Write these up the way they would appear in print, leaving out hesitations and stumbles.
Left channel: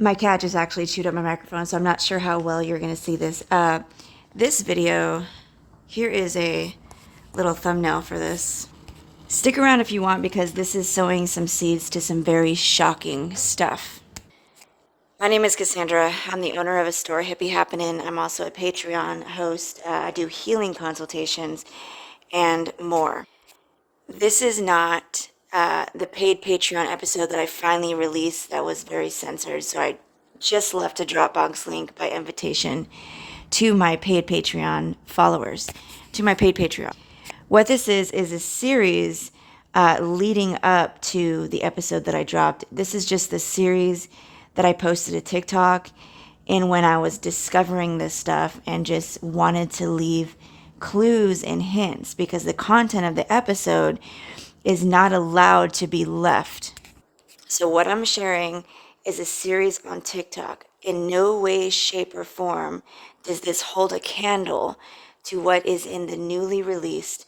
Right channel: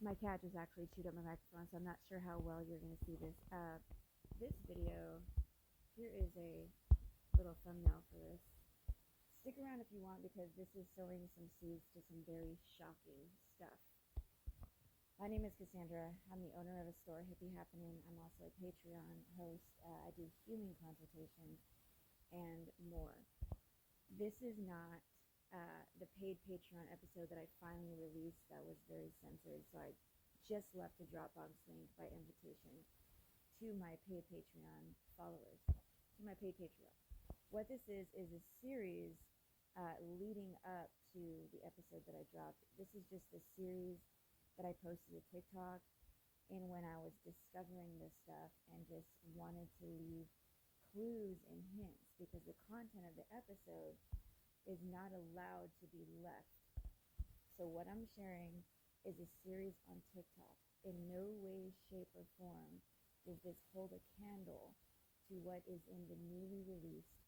My cat just actually chewed up my microphone, so I'm not sure how well you're going to see this. This video, here is a little thumbnail for this. Stick around if you want, because this is sowing some seeds to some very shocking stuff. My name is Cassandra. I'm the owner of a store, Hippie Happening. I'm also a Patreon host. I do healing consultations and more. This is not the paid Patreon episode that I finally released that was very censored, so I just left a Dropbox link by invitation to my paid Patreon followers, to my paid Patreon. What this is a series leading up to the episode that I dropped. This is just the series that I posted to TikTok, and when I was discovering this stuff and just wanted to leave clues and hints, because the content of the episode is not allowed to be left. So what I'm sharing is a series on TikTok. In no way, shape, or form does this hold a candle to what is in the newly released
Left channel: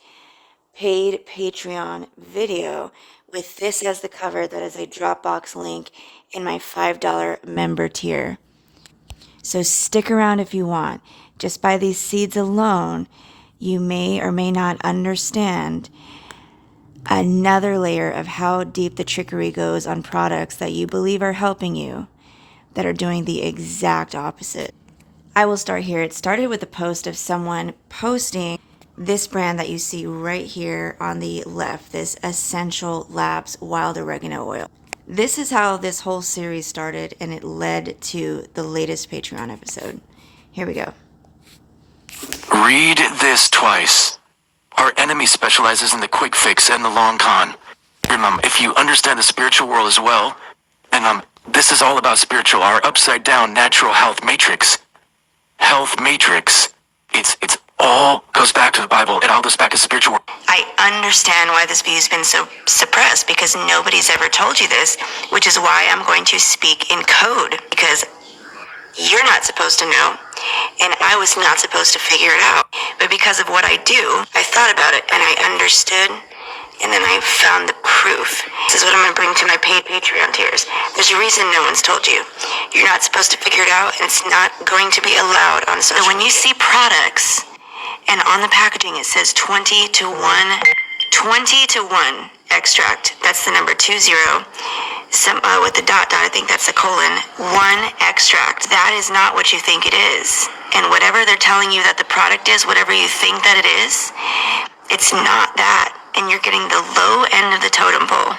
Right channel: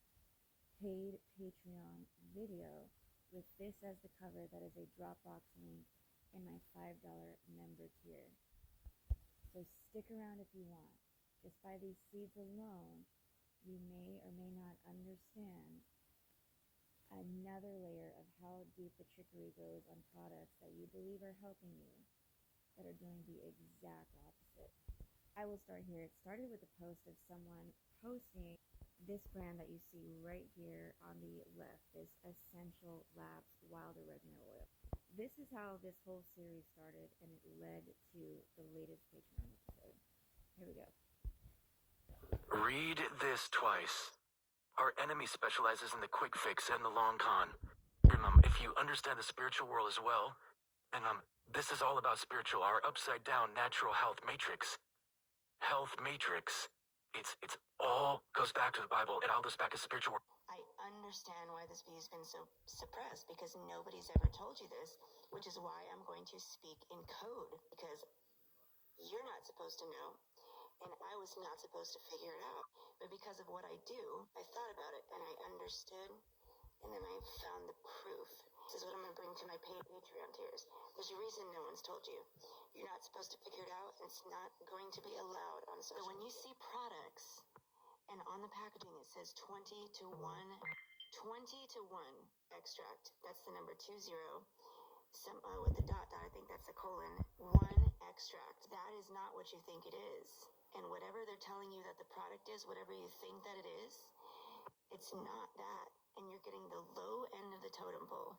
paid Patreon video, with this as the cover that is a Dropbox link in my $5 member tier. So stick around if you want. Just by these seeds alone, you may or may not understand another layer of how deep the trickery goes on products that you believe are helping you that are doing the exact opposite. I will start here. It started with a post of someone posting this brand that you see right here on the left, this Essential Labs Wild Oregano Oil. This is how this whole series started, and it led to the latest Patreon episode. Here we go. Read this twice. Our enemy specializes in the quick fix and the long con. Remember, if you understand the spiritual world as well, and this is all about spiritual, our upside down natural health matrix. Health matrix. It's all goes back to the Bible. It all goes back to spiritual world. I understand why this view's been so suppressed, because nobody's ever told you this, which is why I'm going to speak in code, because you're not supposed to know, and I was not supposed to figure it out. But because of what I do, I thought about it, and I understood, and then I found the proof. This is what I'm going to bring to my paid Patreon tiers. There's a reason no one's told you. You're not supposed to figure it out, and it's not going to be allowed on social media. So when you see products, and on the packaging it says 20 to 1 extract, that's the number 20, with the dot, I think that's a colon, 1 extract. That is not what you think it is. And whatever they're telling you that the product is, whatever you think that it is, it's not that. And you're getting the low end of the totem pole.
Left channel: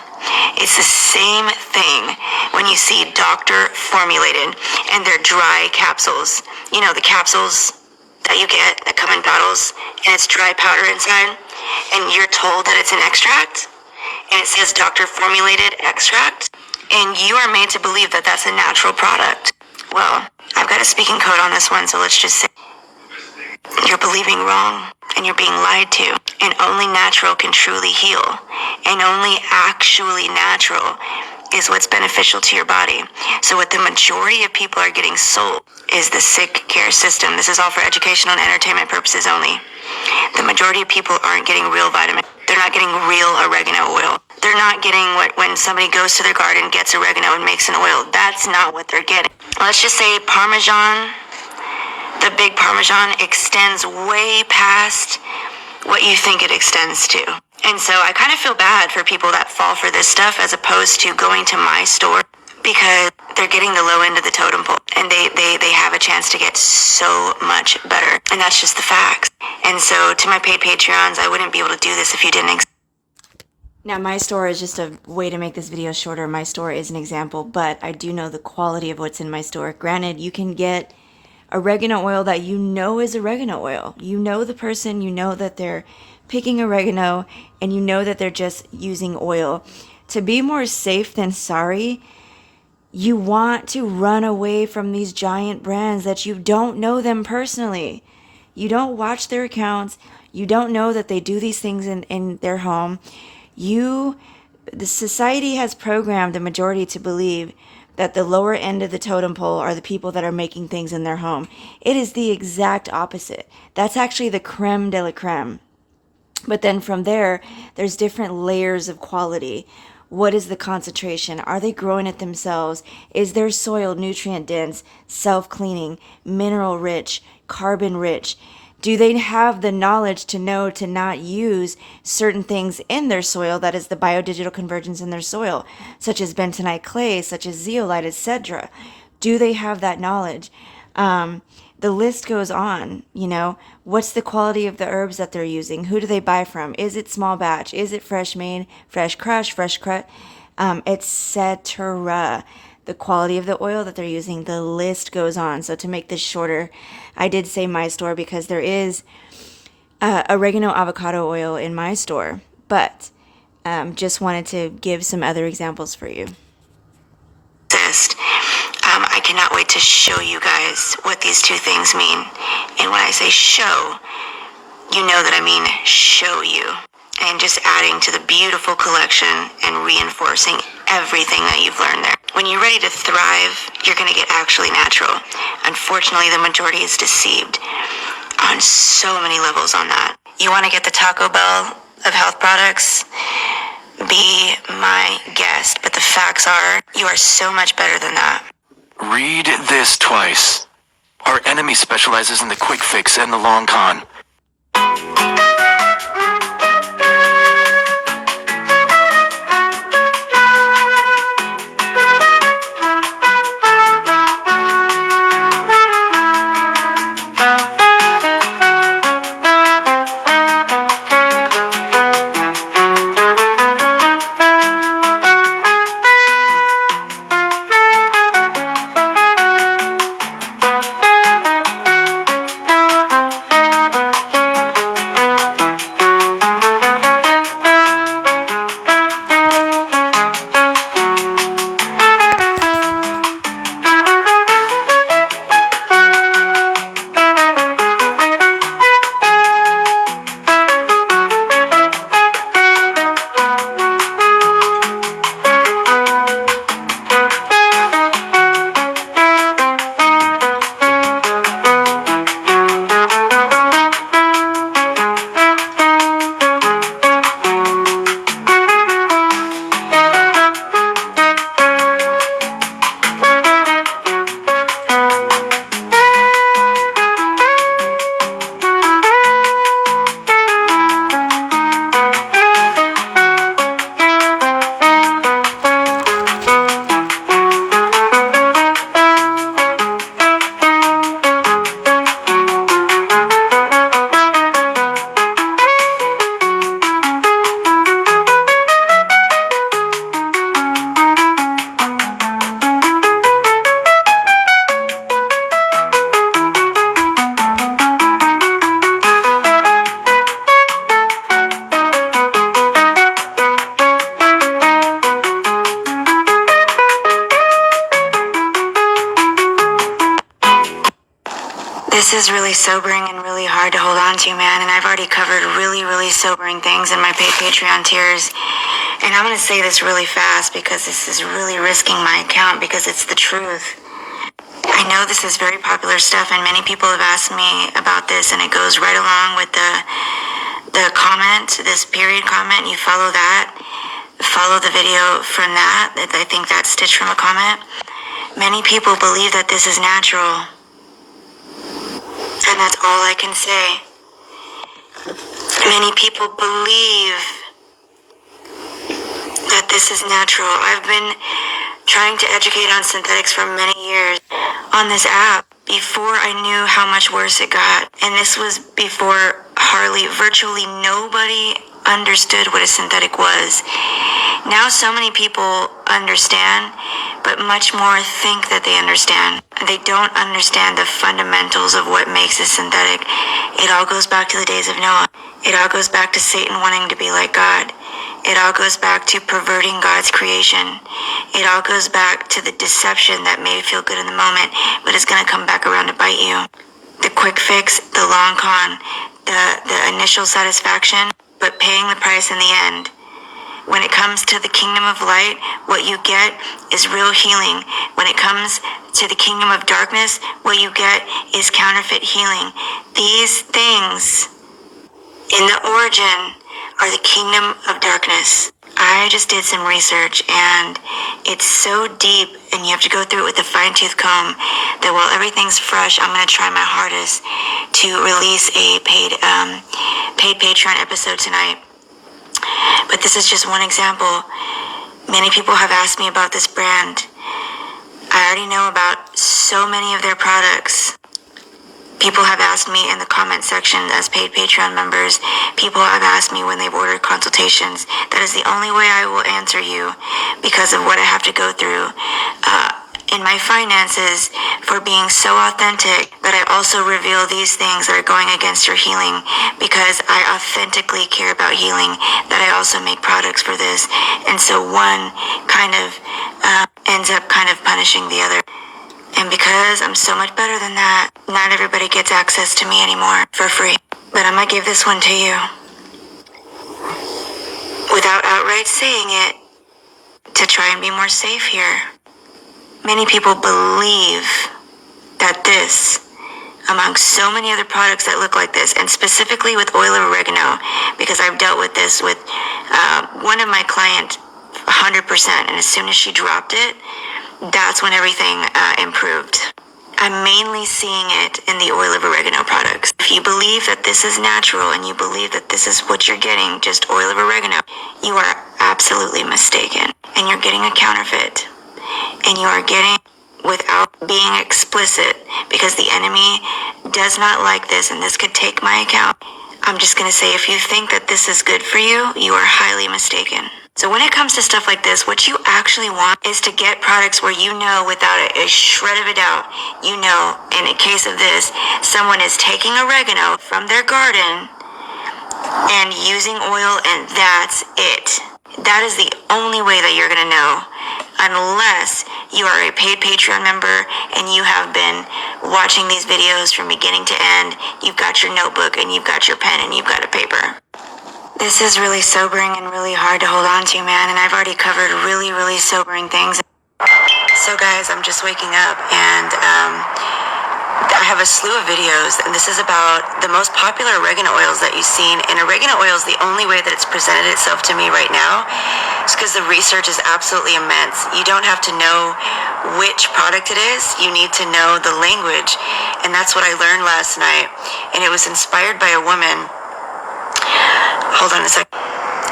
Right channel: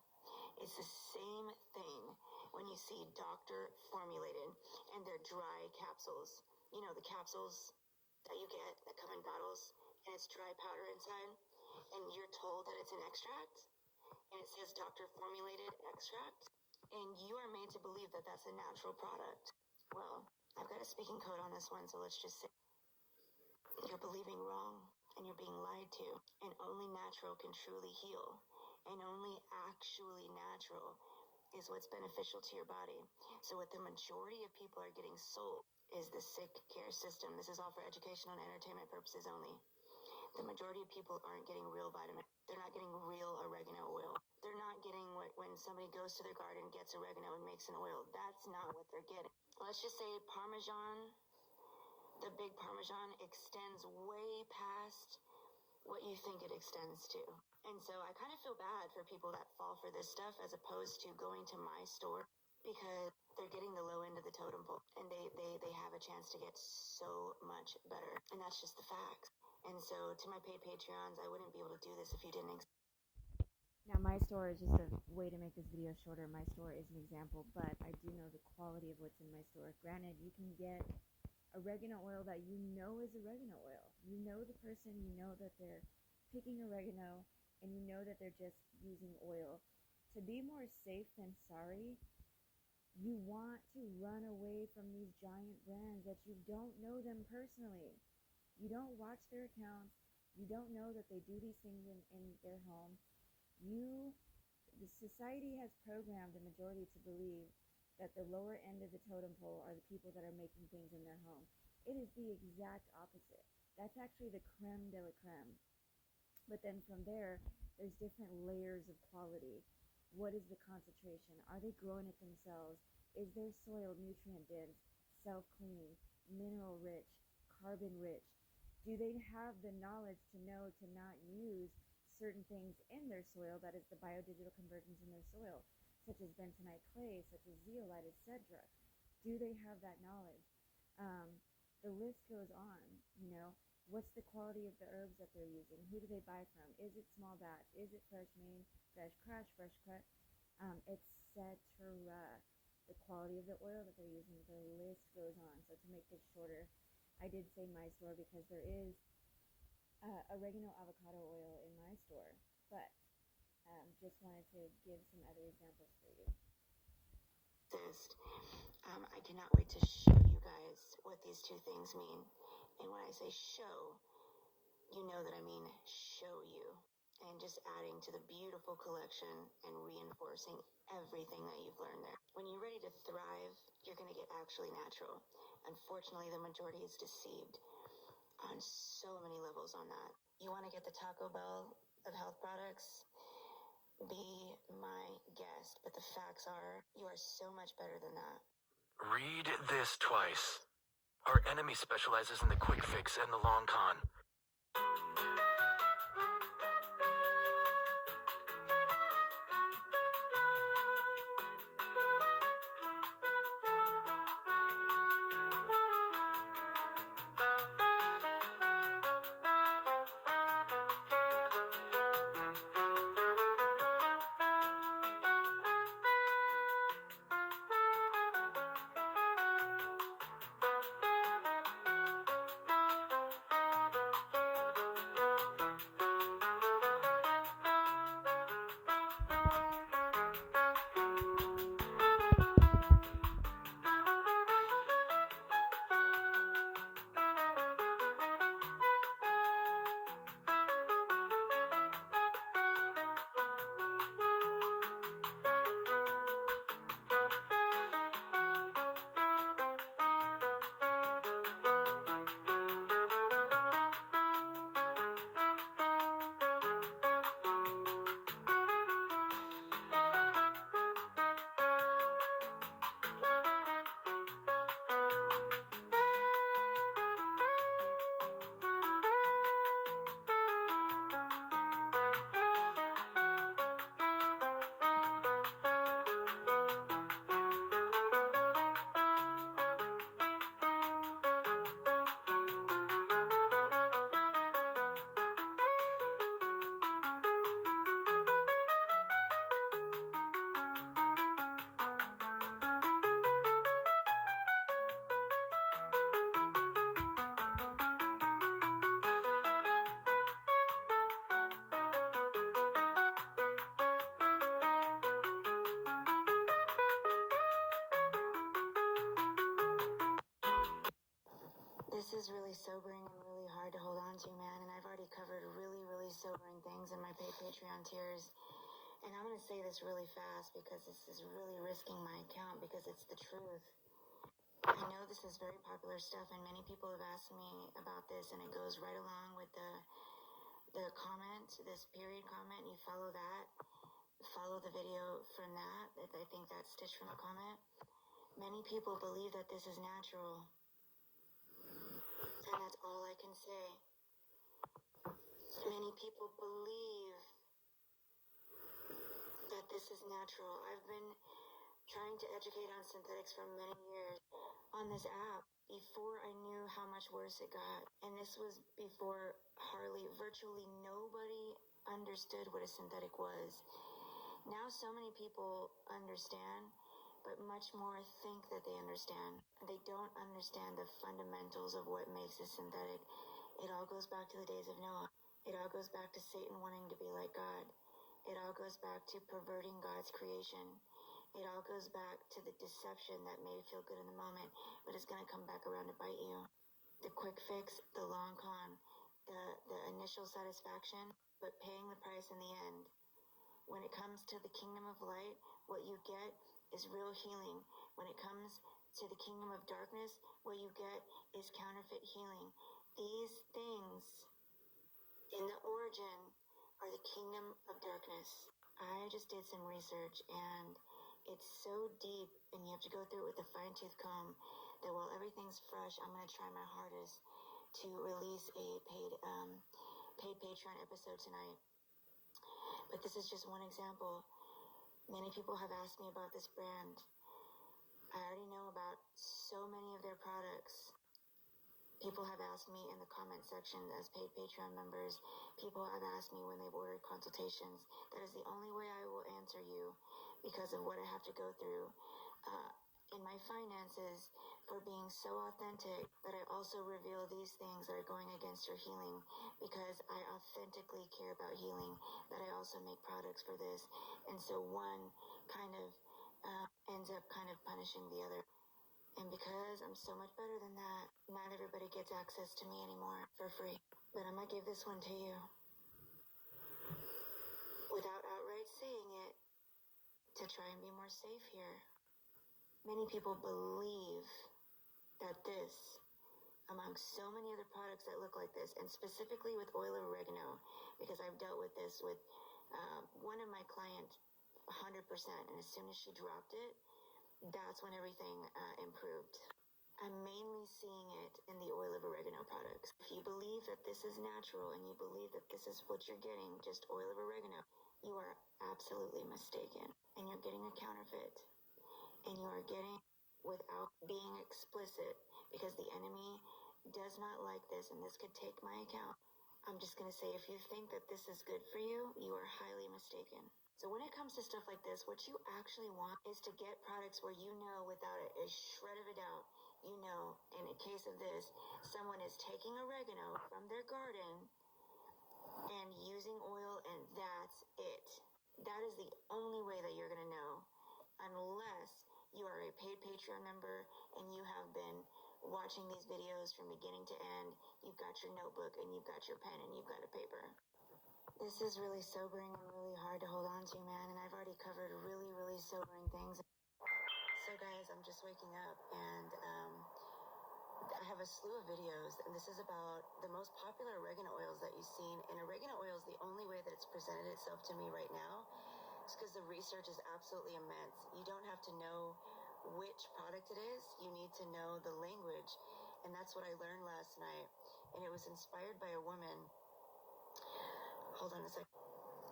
It's the same thing when you see doctor formulated and they're dry capsules. You know, the capsules that you get that come in bottles, and it's dry powder inside, and you're told that it's an extract, and it says doctor formulated extract, and you are made to believe that that's a natural product. Well, I've got a speaking code on this one, so let's just say you're believing wrong, and you're being lied to, and only natural can truly heal, and only actually natural is what's beneficial to your body. So what the majority of people are getting sold is the sick care system. This is all for educational and entertainment purposes only. The majority of people aren't getting real vitamin. They're not getting real oregano oil. They're not getting what when somebody goes to their garden, gets oregano and makes an oil. That's not what they're getting. Let's just say Parmesan, the big Parmesan extends way past what you think it extends to. And so I kind of feel bad for people that fall for this stuff as opposed to going to my store, because they're getting the low end of the totem pole, and they have a chance to get so much better. And that's just the facts. And so to my paid Patreons, I wouldn't be able to do this if you didn't. Now, my store is just a way to make this video shorter. My store is an example, but I do know the quality of what's in my store. Granted, you can get oregano oil that you know is oregano oil. You know the person, you know that they're picking oregano, and you know that they're just using oil. To be more safe than sorry, you want to run away from these giant brands that you don't know them personally. You don't watch their accounts. You don't know that they do these things in their home. The society has programmed the majority to believe that the lower end of the totem pole are the people that are making things in their home. It is the exact opposite. That's actually the creme de la creme. But then from there, there's different layers of quality. What is the concentration? Are they growing it themselves? Is their soil nutrient dense, self-cleaning, mineral rich, carbon rich? Do they have the knowledge to know to not use certain things in their soil, that is the biodigital convergence in their soil, such as bentonite clay, such as zeolite, etc.? Do they have that knowledge? The list goes on, what's the quality of the herbs that they're using? Who do they buy from? Is it small batch? Is it fresh made, fresh crush, fresh cut, etc.? The quality of the oil that they're using, the list goes on. So to make this shorter, I did say my store because there is oregano avocado oil in my store, but just wanted to give some other examples for you. I cannot wait to show you guys what these two things mean. And when I say show, you know that I mean show you. And just adding to the beautiful collection and reinforcing everything that you've learned there. When you're ready to thrive, you're going to get actually natural. Unfortunately, the majority is deceived on so many levels on that. You want to get the Taco Bell of health products? Be my guest, but the facts are, you are so much better than that. Read this twice. Our enemy specializes in the quick fix and the long con. This is really sobering and really hard to hold on to, man. And I've already covered really, really sobering things in my Patreon tiers. And I'm going to say this really fast because this is really risking my account because it's the truth. I know this is very popular stuff and many people have asked me about this, and it goes right along with the comment, this period comment. You follow that, follow the video from that. I think that's stitched from a comment. Many people believe that this is natural. And that's all I can say. Many people believe that this is natural. I've been trying to educate on synthetics for many years on this app before I knew how much worse it got. And this was before virtually nobody understood what a synthetic was. Now so many people understand, but much more think that they understand. They don't understand the fundamentals of what makes a synthetic. It all goes back to the days of Noah. It all goes back to Satan wanting to be like God. It all goes back to perverting God's creation. It all goes back to the deception that may feel good in the moment, but it's going to come back around to bite you. The quick fix, the long con, the initial satisfaction, but paying the price in the end. When it comes to the kingdom of light, what you get is real healing. When it comes to the kingdom of darkness, what you get is counterfeit healing. These things in the origin are the kingdom of darkness. I just did some research, and it's so deep, and you have to go through it with a fine-tooth comb, that while everything's fresh, I'm going to try my hardest to release a paid Patreon episode tonight. But this is just one example. Many people have asked me about this brand. I already know about so many of their products. People have asked me in the comment section as paid Patreon members. People have asked me when they've ordered consultations. That is the only way I will answer you because of what I have to go through in my finances for being so authentic that I also reveal these things that are going against your healing because I authentically care about healing, that I also make products for this. And so one kind of ends up kind of punishing the other. And because I'm so much better than that, not everybody gets access to me anymore for free. But I'm gonna give this one to you. Without outright saying it, to try and be more safe here. Many people believe that this, among so many other products that look like this, and specifically with oil of oregano, because I've dealt with this with one of my clients 100%, and as soon as she dropped it, that's when everything improved. I'm mainly seeing it in the oil of oregano products. If you believe that this is natural and you believe that this is what you're getting, just oil of oregano, you are absolutely mistaken. And you're getting a counterfeit. And you are getting without being explicit because the enemy does not like this and this could take my account. I'm just going to say if you think that this is good for you, you are highly mistaken. So when it comes to stuff like this, what you actually want is to get products where you know without a shred of a doubt, you know, in a case of this, someone is taking oregano from their garden and using oil and that's it. That is the only way that you're going to know. Unless you are a paid Patreon member and you have been watching these videos from beginning to end, you've got your notebook and you've got your pen and you've got a paper. This is really sobering and really hard to hold on to, man, and I've already covered really, really sobering things. So guys, I'm just waking up and I have a slew of videos, and this is about the most popular oregano oils that you've seen. And oregano oil is the only way that it's presented itself to me right now. It's because the research is absolutely immense. You don't have to know which product it is. You need to know the language. And that's what I learned last night. And it was inspired by a woman. Hold on a second.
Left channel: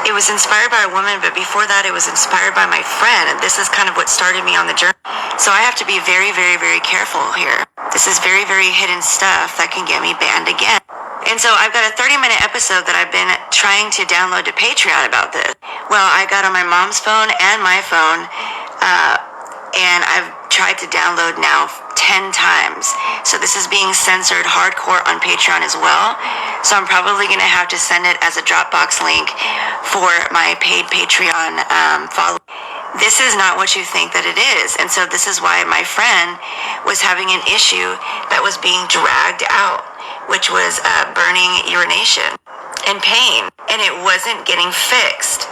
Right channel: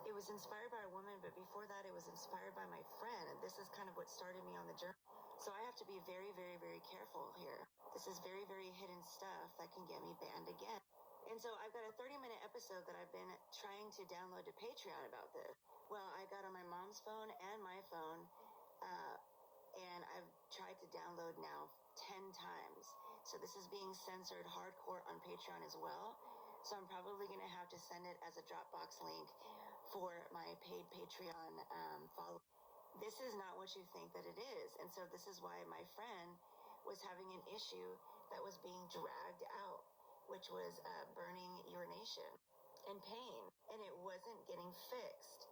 It was inspired by a woman, but before that, it was inspired by my friend. And this is kind of what started me on the journey. So I have to be very, very, very careful here. This is very, very hidden stuff that can get me banned again. And so I've got a 30-minute episode that I've been trying to download to Patreon about this. Well, I got on my mom's phone and my phone, and I've tried to download now 10 times. So this is being censored hardcore on Patreon as well. So I'm probably going to have to send it as a Dropbox link for my paid Patreon followers. This is not what you think that it is. And so this is why my friend was having an issue that was being dragged out, which was burning urination and pain. And it wasn't getting fixed.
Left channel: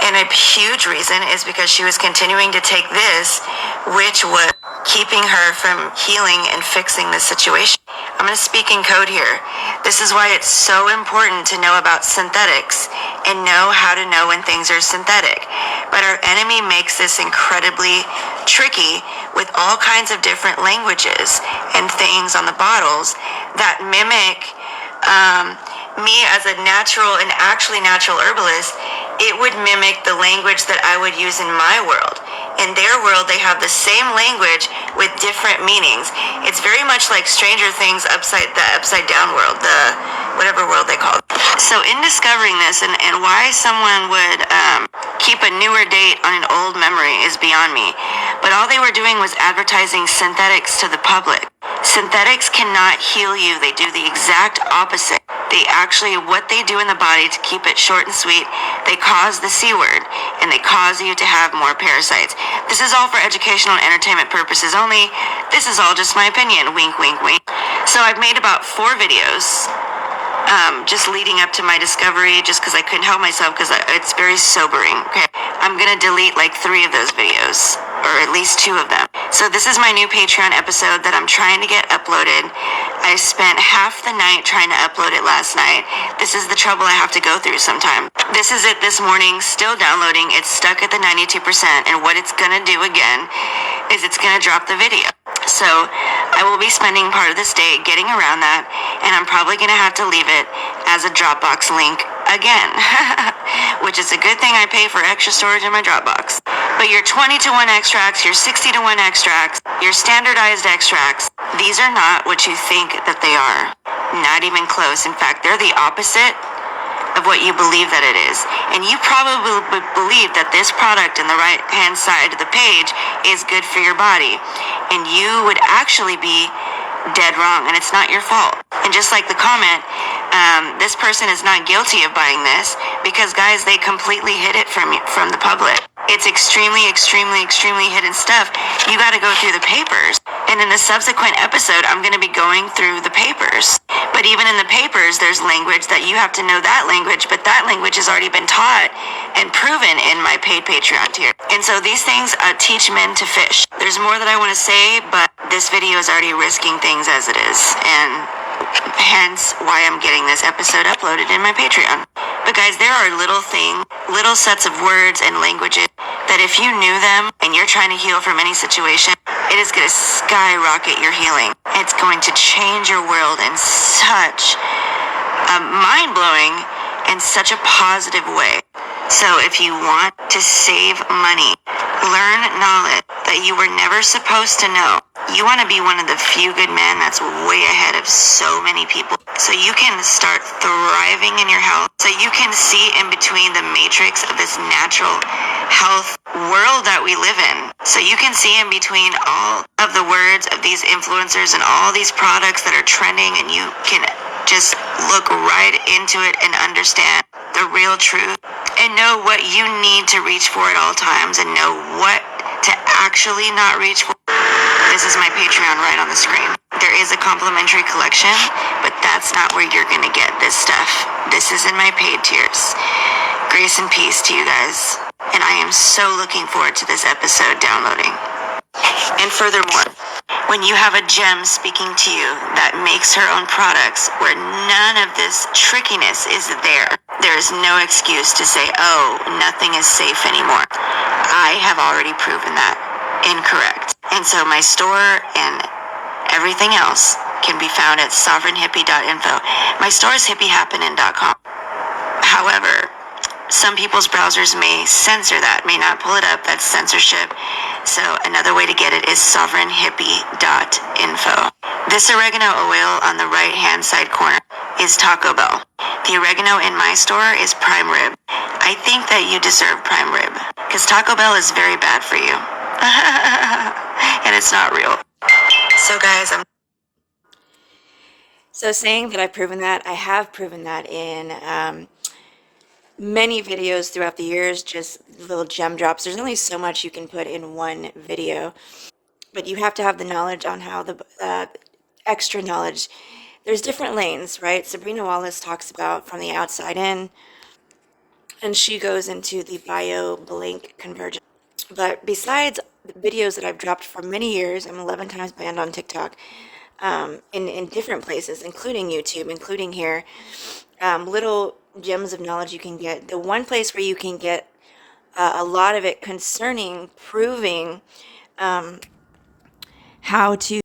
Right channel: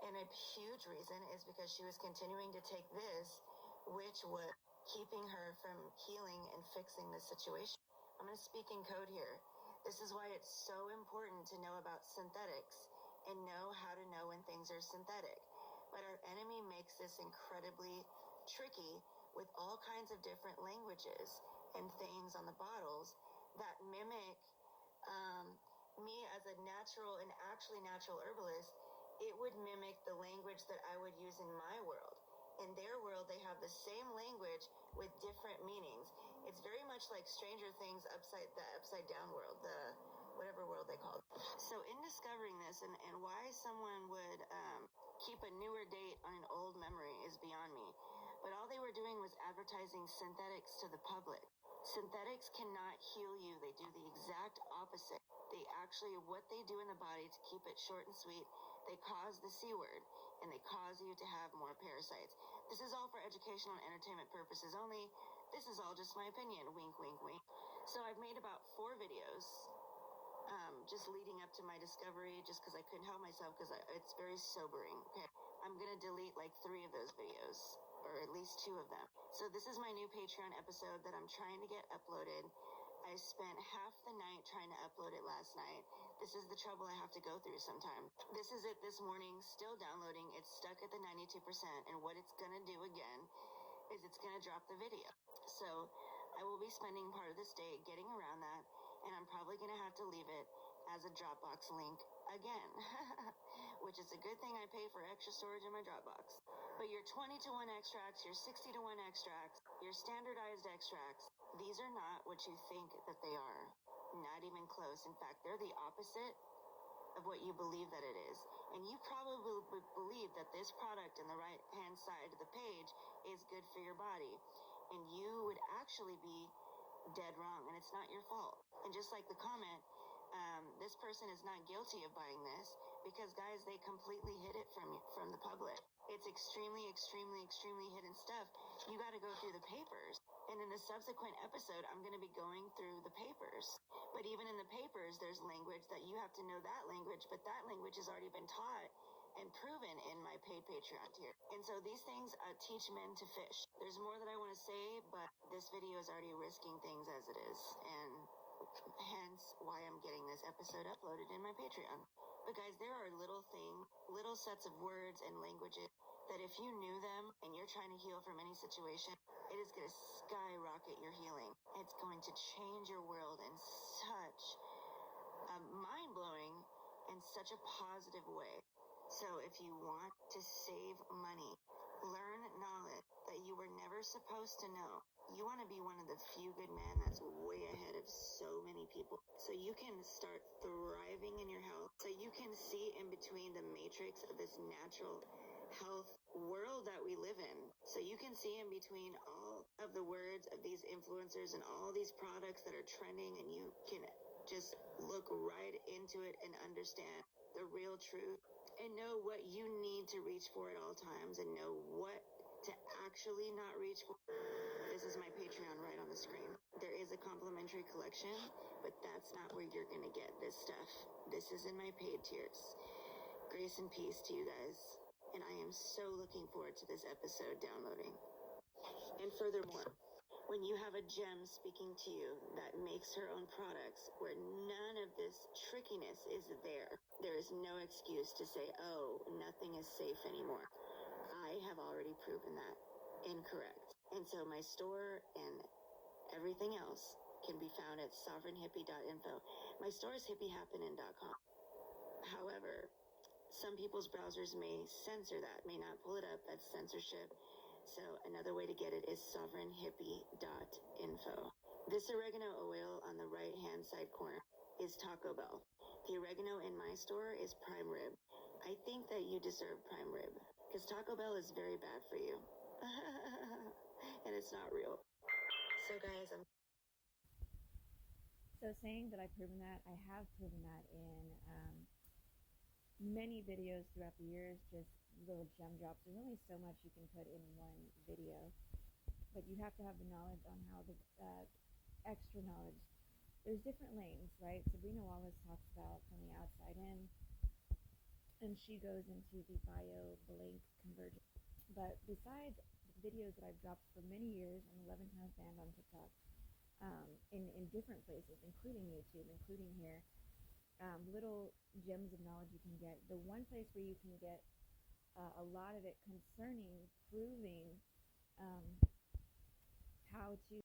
And a huge reason is because she was continuing to take this, which was keeping her from healing and fixing the situation. I'm going to speak in code here. This is why it's so important to know about synthetics and know how to know when things are synthetic. But our enemy makes this incredibly tricky with all kinds of different languages and things on the bottles that mimic me as a natural and actually natural herbalist. It would mimic the language that I would use in my world. In their world, they have the same language with different meanings. It's very much like Stranger Things upside down world, the whatever world they call it. So in discovering this and why someone would keep a newer date on an old memory is beyond me. But all they were doing was advertising synthetics to the public. Synthetics cannot heal you. They do the exact opposite. They actually, what they do in the body to keep it short and sweet, they cause the C word, and they cause you to have more parasites. This is all for educational and entertainment purposes only. This is all just my opinion. Wink, wink, wink. So I've made about 4 videos just leading up to my discovery, just because I couldn't help myself, because it's very sobering. Okay, I'm going to delete like 3 of those videos, or at least 2 of them. So this is my new Patreon episode that I'm trying to get uploaded. I spent half the night trying to upload it last night. This is the trouble I have to go through sometimes. This is it this morning, still downloading. It's stuck at the 92%, and what it's gonna do again is it's gonna drop the video. So I will be spending part of this day getting around that, and I'm probably gonna have to leave it as a Dropbox link again, which is a good thing I pay for extra storage in my Dropbox. But your 20-to-1 extracts, your 60-to-1 extracts, your standardized extracts, these are not what you think that they are. Not even close. In fact, they're the opposite of what you believe that it is. And you probably believe that this product in the right-hand side of the page is good for your body. And you would actually be dead wrong, and it's not your fault. And just like the comment, this person is not guilty of buying this because, guys, they completely hid it from the public. It's extremely, extremely, extremely hidden stuff. You got to go through the papers. And in the subsequent episode, I'm going to be going through the papers. But even in the papers, there's language that you have to know that language, but that language has already been taught and proven in my paid Patreon tier. And so these things teach men to fish. There's more that I want to say, but this video is already risking things as it is. And hence why I'm getting this episode uploaded in my Patreon. But guys, there are little things, little sets of words and languages that if you knew them and you're trying to heal from any situation, it is going to skyrocket your healing. It's going to change your world in such a mind-blowing and such a positive way. So if you want to save money, learn knowledge that you were never supposed to know. You want to be one of the few good men that's way ahead of so many people. So you can start thriving in your health. So you can see in between the matrix of this natural health world that we live in. So you can see in between all of the words of these influencers and all these products that are trending, and you can just look right into it and understand the real truth and know what you need to reach for at all times and know what to actually not reach for. This is my Patreon right on the screen. There is a complimentary collection, but that's not where you're going to get this stuff. This is in my paid tiers. Grace and peace to you guys. And I am so looking forward to this episode downloading. And furthermore, when you have a gem speaking to you that makes her own products where none of this trickiness is there is no excuse to say, oh, nothing is safe anymore. I have already proven that incorrect. And so my store and everything else can be found at SovereignHippie.info. My store is hippiehappinin.com. However, some people's browsers may censor that, may not pull it up. That's censorship. So another way to get it is SovereignHippie.info. This oregano oil on the right-hand side corner is Taco Bell. The oregano in my store is prime rib. I think that you deserve prime rib because Taco Bell is very bad for you. And it's not real. So guys, So saying that I've proven that, I have proven that in many videos throughout the years, just little gem drops. There's only so much you can put in one video, but you have to have the knowledge on how the extra knowledge. There's different lanes, right? Sabrina Wallace talks about from the outside in, and she goes into the bio-blink convergence. But besides the videos that I've dropped for many years, I'm 11 times banned on TikTok, in different places, including YouTube, including here, little gems of knowledge you can get. The one place where you can get a lot of it concerning proving how to